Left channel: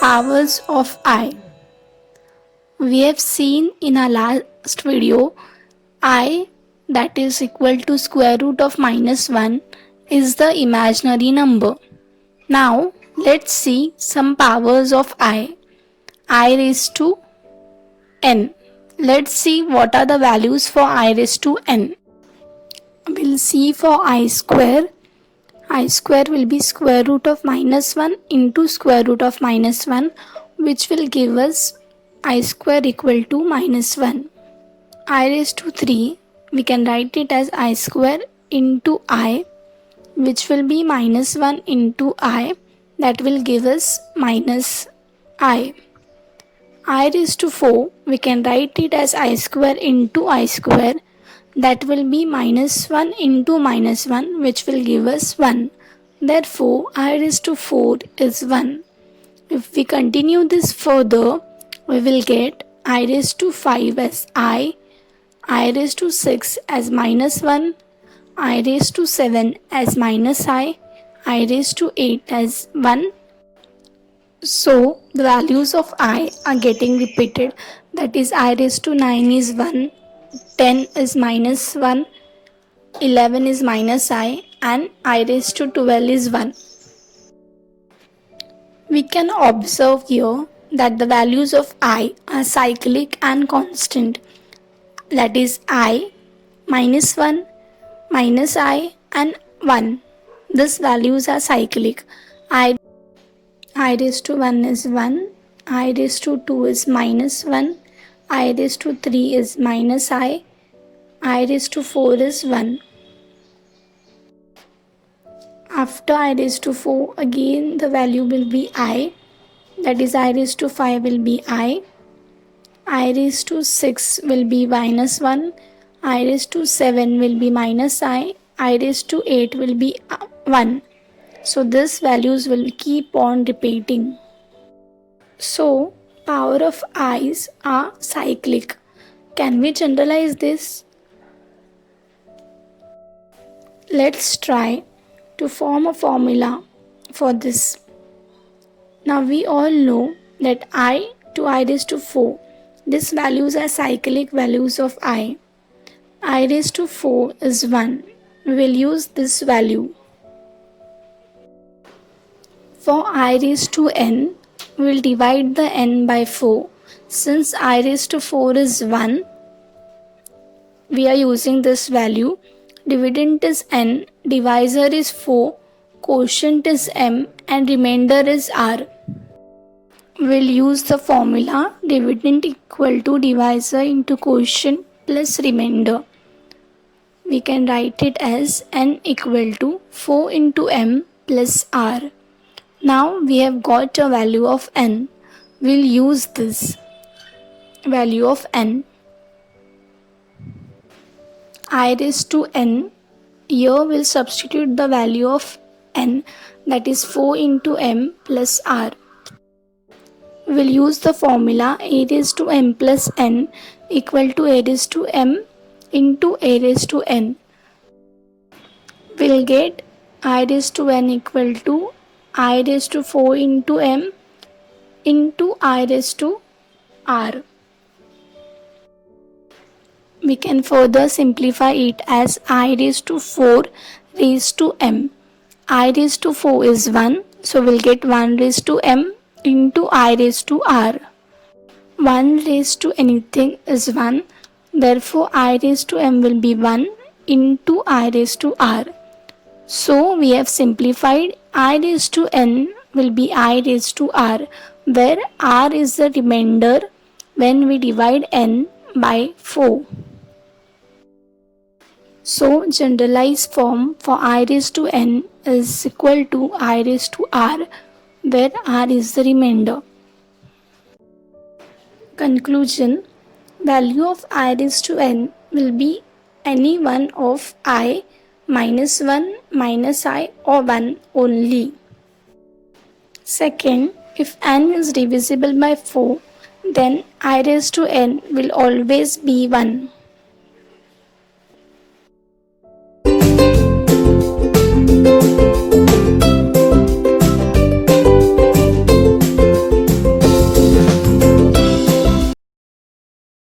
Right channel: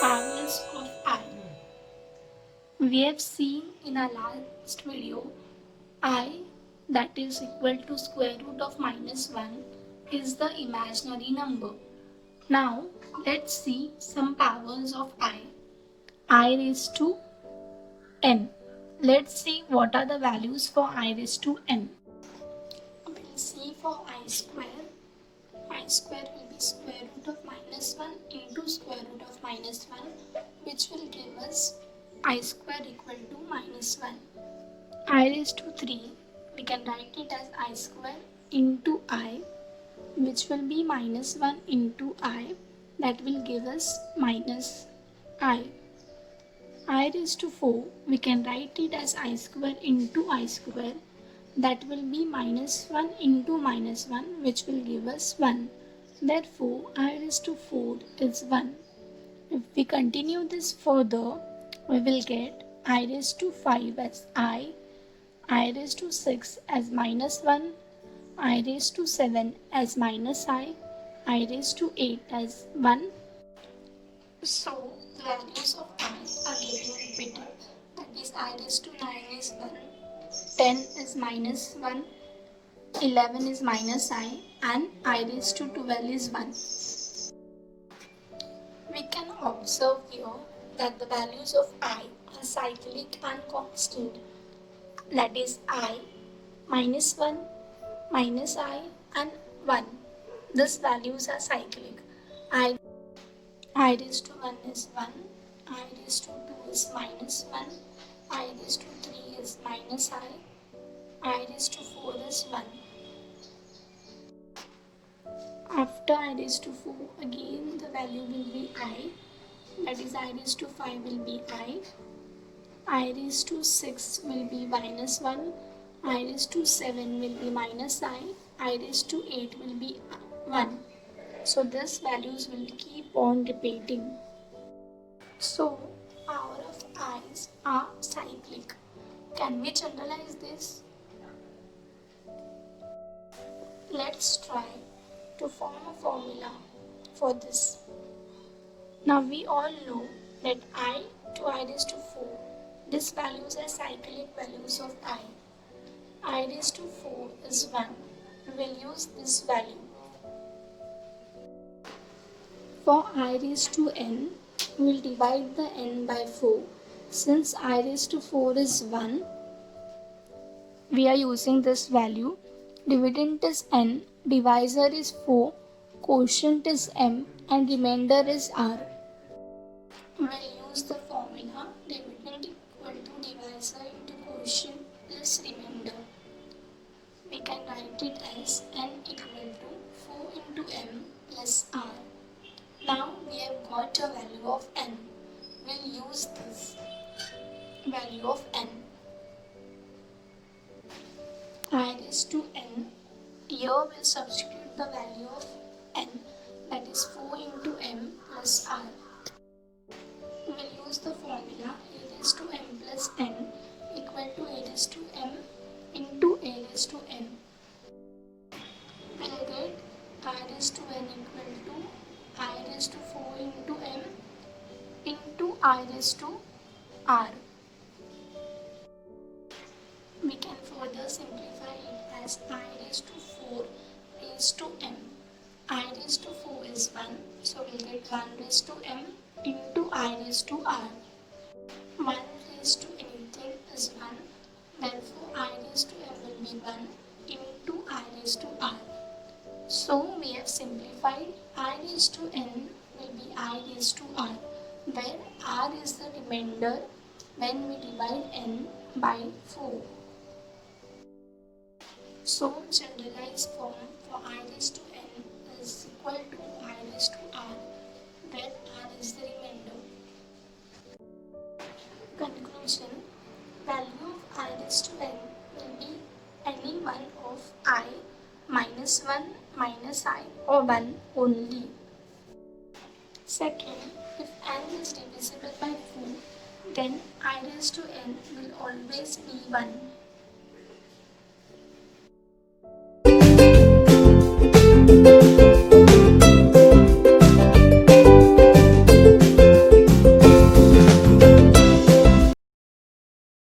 Powers of I. We have seen in our last video I, that is equal to square root of minus 1, is the imaginary number. Now let's see some powers of I raised to n. Let's see what are the values for I raised to n. We'll see for I square. I square will be square root of minus 1 into square root of minus 1, which will give us I square equal to minus 1. I raised to 3, we can write it as I square into I, which will be minus 1 into I, that will give us minus I. I raised to 4, we can write it as I square into I square, that will be minus 1 into minus 1, which will give us 1. Therefore, I raised to 4 is 1. If we continue this further, we will get I raised to 5 as I raised to 6 as minus 1, I raised to 7 as minus I raised to 8 as 1. So, the values of I are getting repeated. That is, I raised to 9 is 1, 10 is minus 1, 11 is minus I, and I raised to 12 is 1. We can observe here that the values of I are cyclic and constant. That is I, minus 1, minus I, and 1. These values are cyclic. I raised to 1 is 1, I raised to 2 is minus 1, I raised to 3 is minus I raised to 4 is 1. After I raised to 4, again the value will be I, that is I raised to 5 will be I raised to 6 will be minus 1, I raised to 7 will be minus I raised to 8 will be 1. So these values will keep on repeating. So power of i's are cyclic. Can we generalize this? Let's try to form a formula for this. Now we all know that I to I raised to 4. These values are cyclic values of I raised to 4 is 1. We will use this value. For I raised to n, we will divide the n by 4. Since I raised to 4 is 1, we are using this value. Dividend is n, divisor is 4, quotient is m, and remainder is r. We will use the formula dividend equal to divisor into quotient plus remainder. We can write it as n equal to 4 into m plus r. Now we have got a value of n. We will use this value of n. I raised to n, here we will substitute the value of n, that is 4 into m plus r. We will use the formula a raised to m plus n equal to a raised to m into a raised to n. We will get I raised to n equal to I raised to 4 into m into I raised to r. We can further simplify it as I raised to 4 raised to m. I raised to 4 is 1, so we'll get 1 raised to m into I raised to r. 1 raised to anything is 1, therefore I raised to m will be 1 into I raised to r. So we have simplified I raised to n will be I raised to r, where r is the remainder when we divide n by 4. So generalized form for I raised to n is equal to I raised to r, where r is the remainder. Conclusion: value of I raised to n will be any one of I, minus 1, minus I, or 1 only. Second, if n is divisible by 4, then I raised to n will always be 1.